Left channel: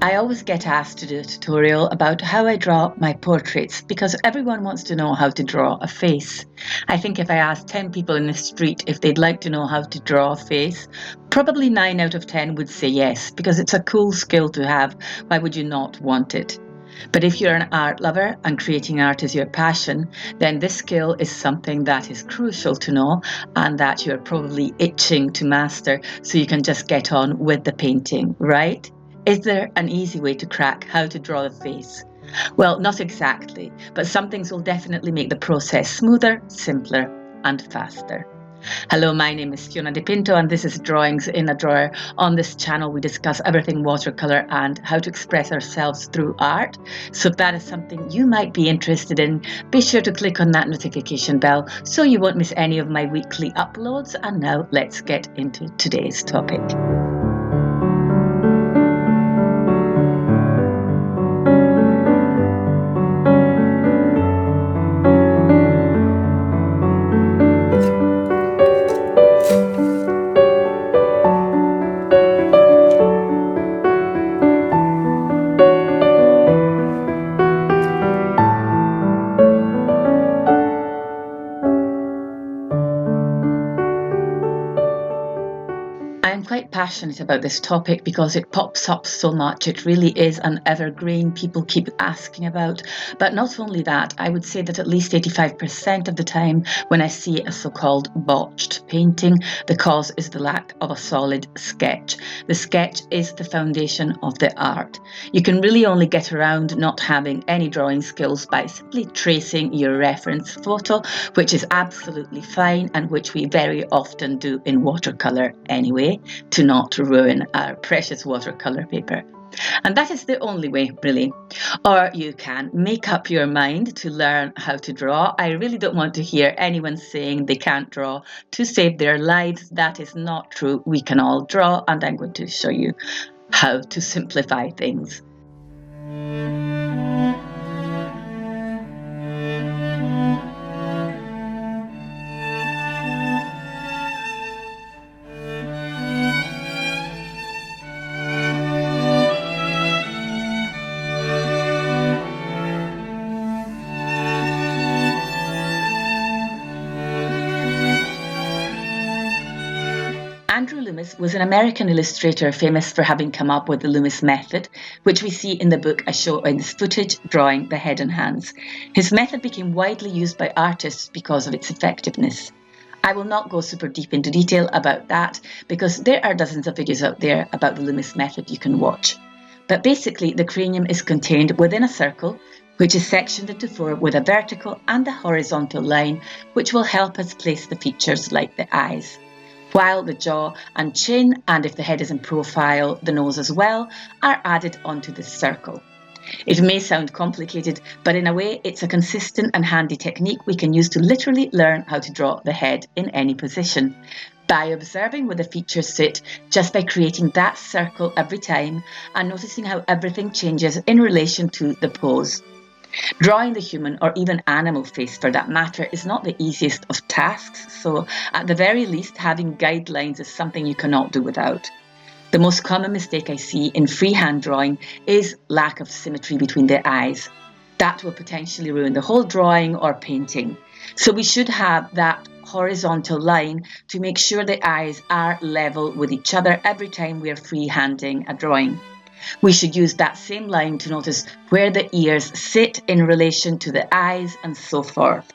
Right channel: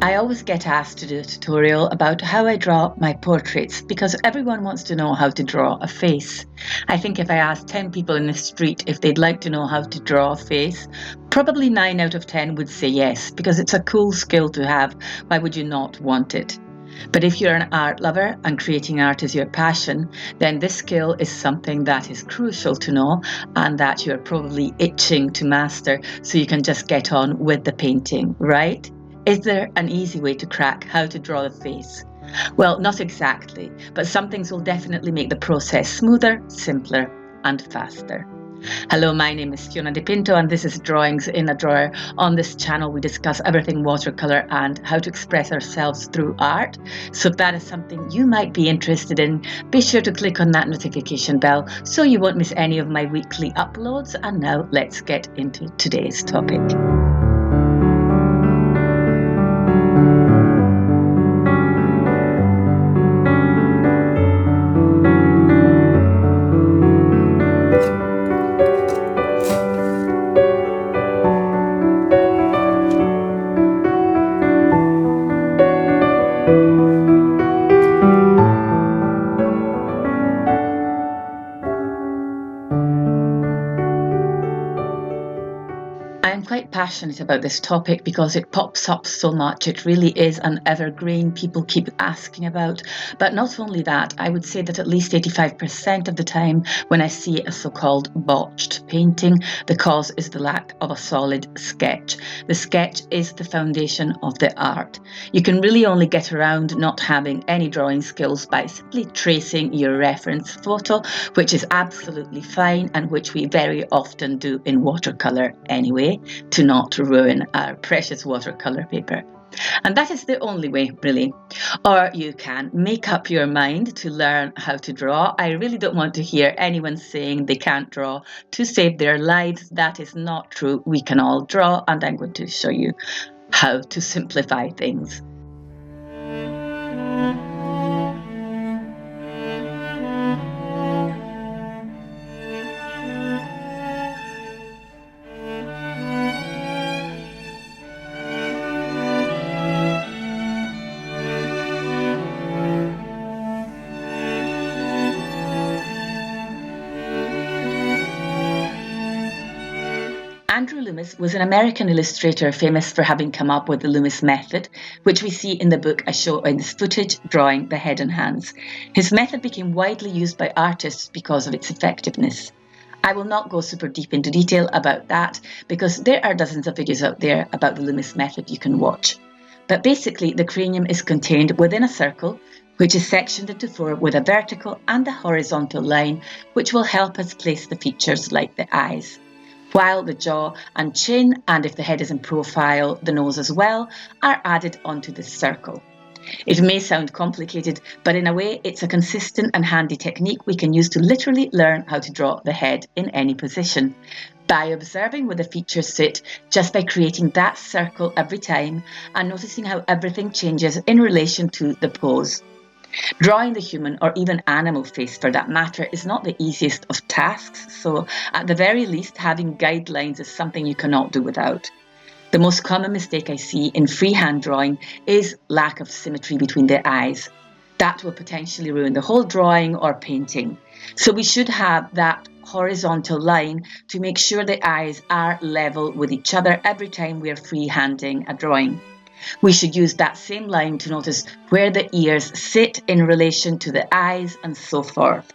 I always get asked to do a tutorial about how I draw my portraits because everyone wants to know how to draw a face. I think if I asked 10 people in the street if they'd like to know how to draw a face, probably 9 out of 10 would say yes, because it's a cool skill to have. Why would you not want it? But if you're an art lover and creating art is your passion, then this skill is something that is crucial to know and that you're probably itching to master so you can just get on with the painting, right? Is there an easy way to crack how to draw the face? Well, not exactly, but some things will definitely make the process smoother, simpler, and faster. Hello, my name is Fiona De Pinto and this is Drawings in a Drawer. On this channel we discuss everything watercolour and how to express ourselves through art. So if that is something you might be interested in, be sure to click on that notification bell so you won't miss any of my weekly uploads. And now let's get into today's topic. I'm quite passionate about this topic because it pops up so much. It really is an evergreen people keep asking about. But not only that, I would say that at least 85% of the time when I see a so-called botched painting, the cause is the lack of a solid sketch. The sketch is the foundation of the art. You can really only get around not having any drawing skills by simply tracing your reference photo, which is absolutely fine and which we very often do in watercolour anyway, to not ruin our precious watercolour paper. And that is the only way, really. Or you can make up your mind to learn how to draw. I really don't want to hear anyone saying they can't draw to save their lives. That is not true. We can all draw, and I'm going to show you how to simplify things. Andrew Loomis was an American illustrator famous for having come up with the Loomis method, which we see in the book I show in this footage, Drawing the Head and Hands. His method became widely used by artists because of its effectiveness. I will not go super deep into detail about that because there are dozens of videos out there about the Loomis method you can watch. But basically, the cranium is contained within a circle, which is sectioned into four with a vertical and a horizontal line, which will help us place the features like the eyes, while the jaw and chin, and if the head is in profile, the nose as well, are added onto this circle. It may sound complicated, but in a way it's a consistent and handy technique we can use to literally learn how to draw the head in any position, by observing where the features sit, just by creating that circle every time and noticing how everything changes in relation to the pose. Drawing the human or even animal face for that matter is not the easiest of tasks, so at the very least having guidelines is something you cannot do without. The most common mistake I see in freehand drawing is lack of symmetry between the eyes. That will potentially ruin the whole drawing or painting. So we should have that horizontal line to make sure the eyes are level with each other every time we are freehanding a drawing. We should use that same line to notice where the ears sit in relation to the eyes and so forth.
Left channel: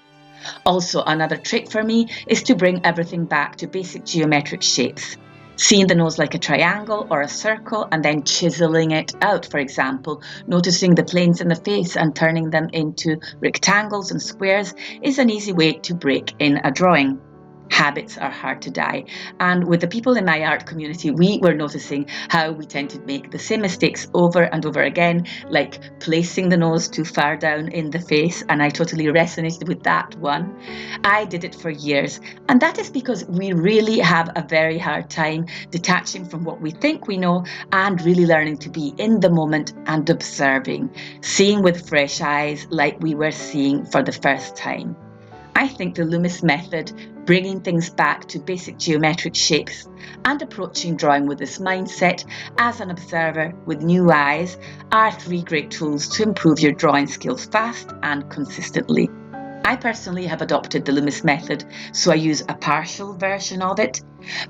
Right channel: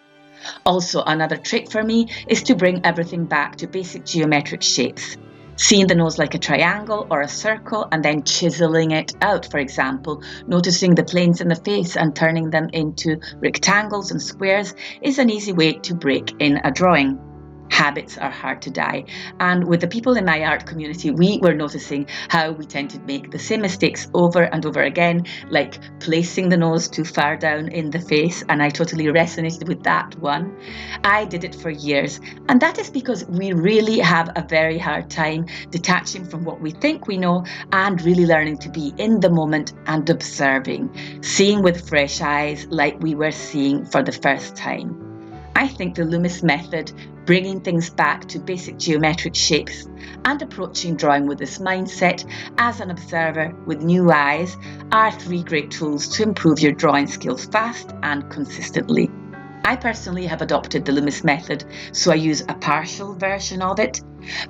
Also, another trick for me is to bring everything back to basic geometric shapes. Seeing the nose like a triangle or a circle and then chiseling it out, for example, noticing the planes in the face and turning them into rectangles and squares is an easy way to break in a drawing. Habits are hard to die, and with the people in my art community, we were noticing how we tend to make the same mistakes over and over again, like placing the nose too far down in the face, and I totally resonated with that one. I did it for years, and that is because we really have a very hard time detaching from what we think we know and really learning to be in the moment and observing, seeing with fresh eyes like we were seeing for the first time. I think the Loomis method, bringing things back to basic geometric shapes and approaching drawing with this mindset as an observer with new eyes, are 3 great tools to improve your drawing skills fast and consistently. I personally have adopted the Loomis method, so I use a partial version of it.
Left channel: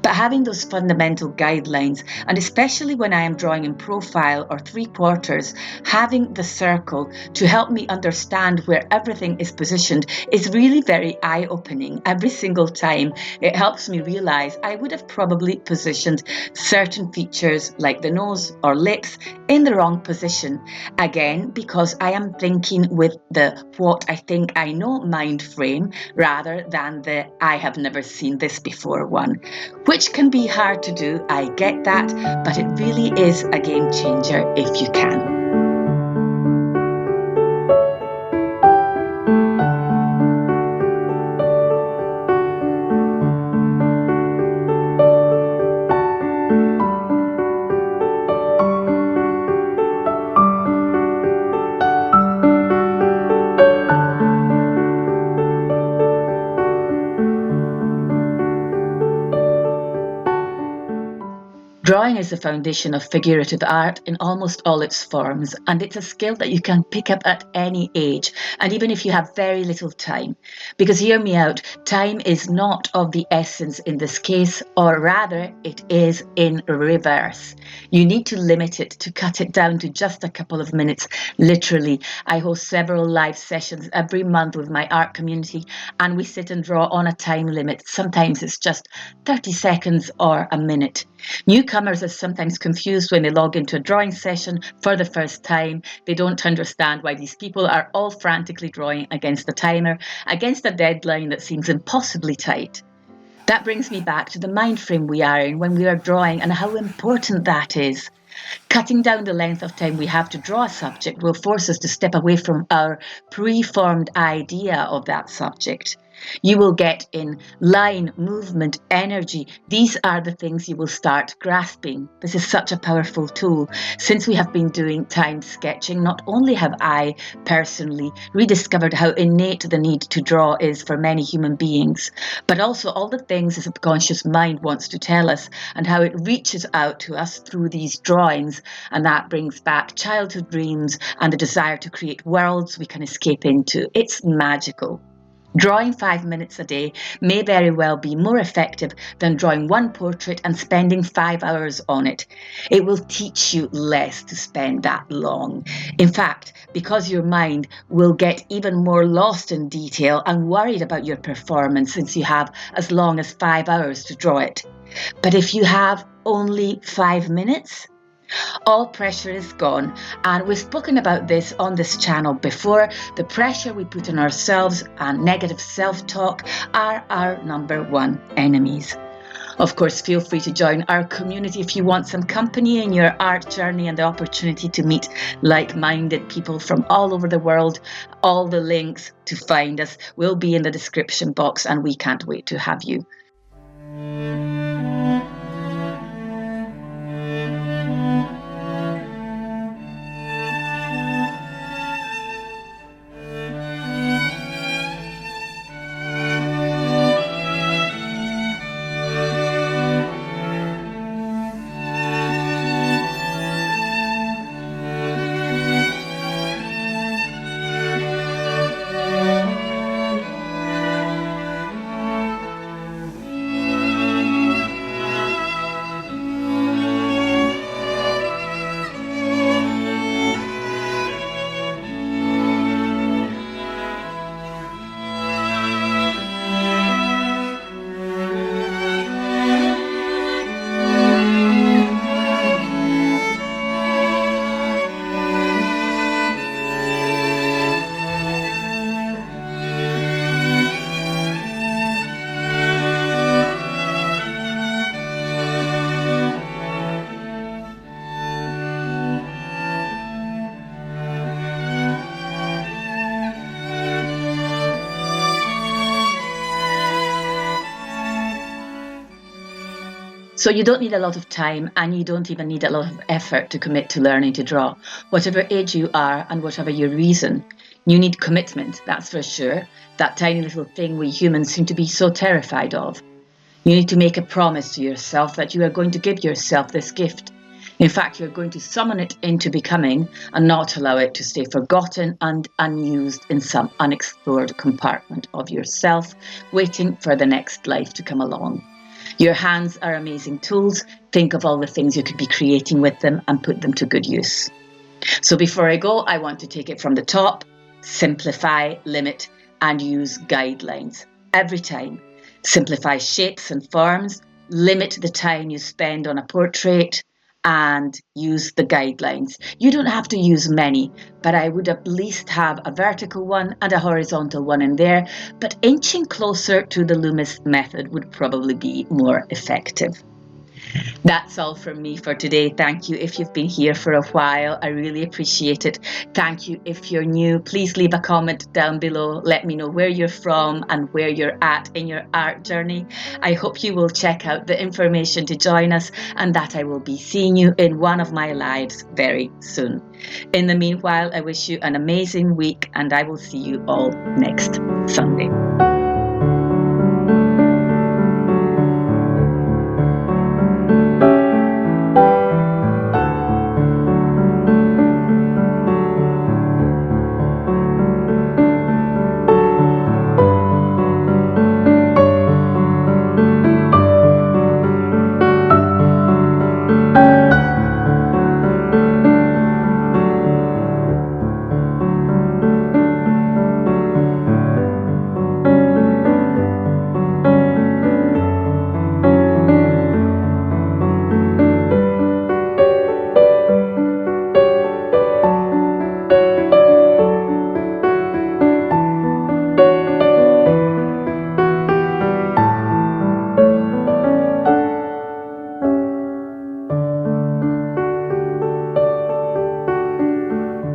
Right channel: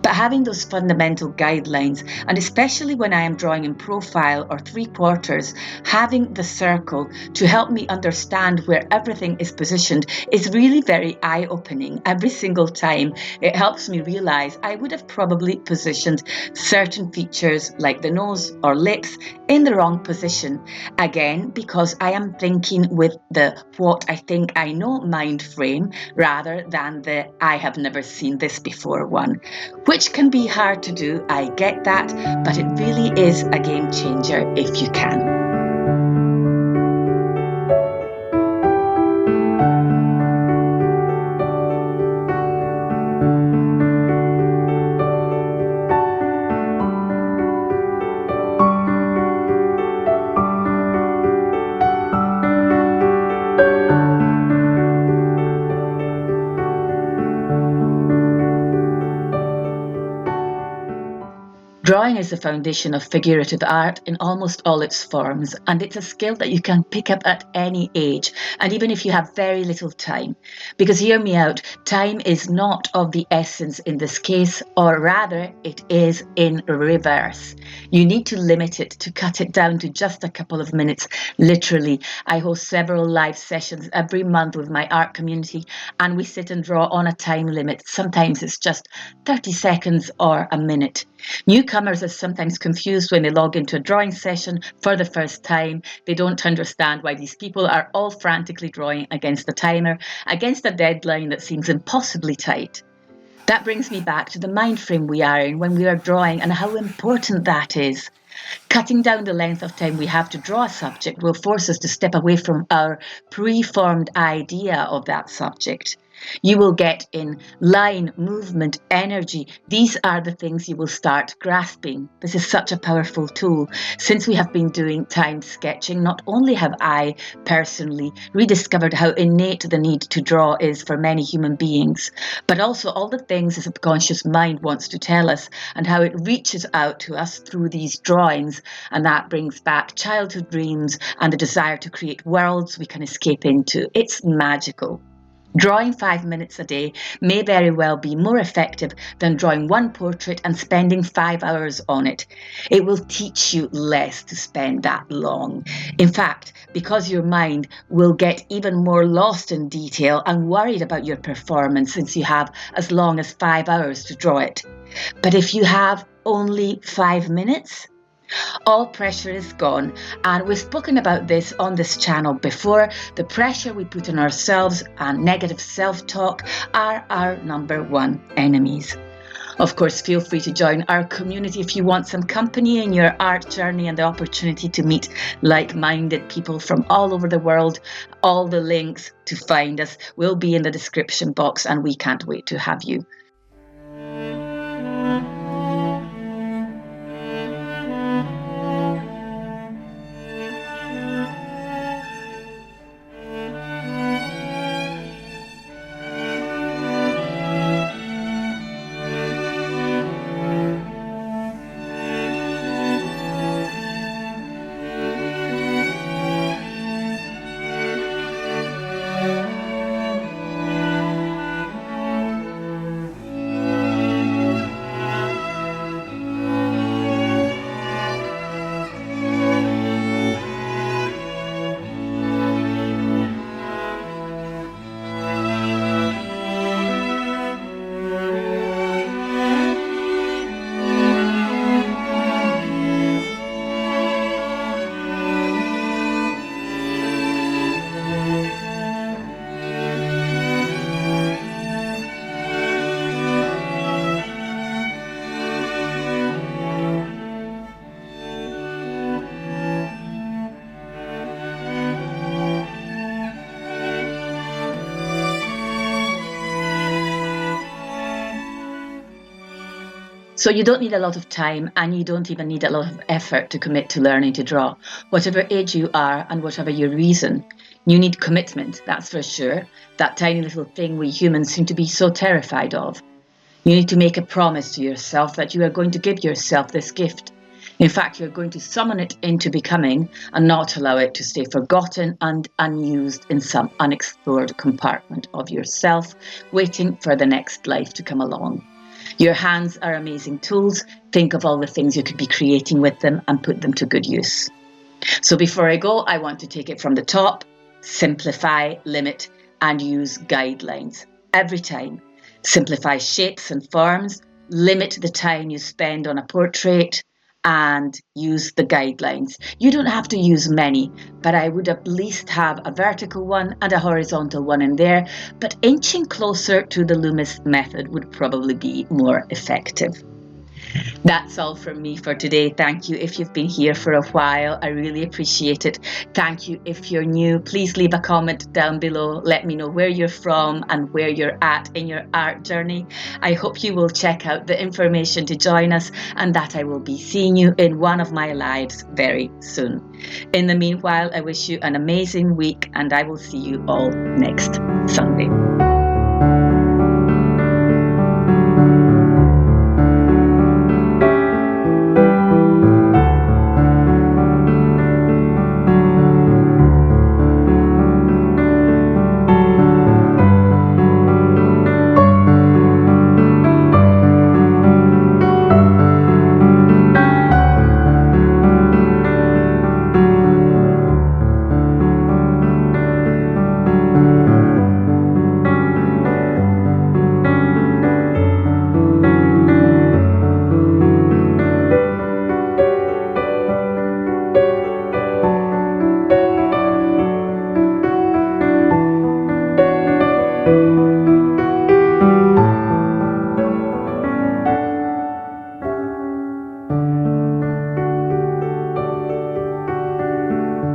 But having those fundamental guidelines, and especially when I am drawing in profile or 3/4, having the circle to help me understand where everything is positioned is really very eye-opening. Every single time it helps me realize I would have probably positioned certain features like the nose or lips in the wrong position. Again, because I am thinking with the what I think I know mind frame rather than the I have never seen this before one. Which can be hard to do, I get that, but it really is a game changer if you can. Drawing is the foundation of figurative art in almost all its forms, and it's a skill that you can pick up at any age, and even if you have very little time. Because hear me out, time is not of the essence in this case, or rather, it is in reverse. You need to limit it, to cut it down to just a couple of minutes, literally. I host several live sessions every month with my art community, and we sit and draw on a time limit. Sometimes it's just 30 seconds or a minute. Newcomers are sometimes confused when they log into a drawing session for the first time. They don't understand why these people are all frantically drawing against the timer, against a deadline that seems impossibly tight. That brings me back to the mind frame we are in when we are drawing and how important that is. Cutting down the length of time we have to draw a subject will force us to step away from our preformed idea of that subject. You will get in line, movement, energy. These are the things you will start grasping. This is such a powerful tool. Since we have been doing timed sketching, not only have I personally rediscovered how innate the need to draw is for many human beings, but also all the things the subconscious mind wants to tell us and how it reaches out to us through these drawings. And that brings back childhood dreams and the desire to create worlds we can escape into. It's magical. Drawing 5 minutes a day may very well be more effective than drawing one portrait and spending 5 hours on it. It will teach you less to spend that long. In fact, because your mind will get even more lost in detail and worried about your performance since you have as long as 5 hours to draw it. But if you have only 5 minutes, all pressure is gone, and we've spoken about this on this channel before. The pressure we put on ourselves and negative self-talk are our number one enemies. Of course, feel free to join our community if you want some company in your art journey and the opportunity to meet like-minded people from all over the world. All the links to find us will be in the description box, and we can't wait to have you. So you don't need a lot of time, and you don't even need a lot of effort to commit to learning to draw. Whatever age you are and whatever your reason, You need commitment, that's for sure, that tiny little thing we humans seem to be so terrified of. You need to make a promise to yourself that you are going to give yourself this gift. In fact, you're going to summon it into becoming and not allow it to stay forgotten and unused in some unexplored compartment of yourself, waiting for the next life to come along. Your hands are amazing tools. Think of all the things you could be creating with them and put them to good use. So before I go, I want to take it from the top. Simplify, limit, and use guidelines every time. Simplify shapes and forms, limit the time you spend on a portrait, and use the guidelines. You don't have to use many, but I would at least have a vertical one and a horizontal one in there, but inching closer to the Loomis method would probably be more effective. That's all from me for today. Thank you if you've been here for a while. I really appreciate it. Thank you if you're new. Please leave a comment down below. Let me know where you're from and where you're at in your art journey. I hope you will check out the information to join us and that I will be seeing you in one of my lives very soon. In the meanwhile, I wish you an amazing week and I will see you all next Sunday.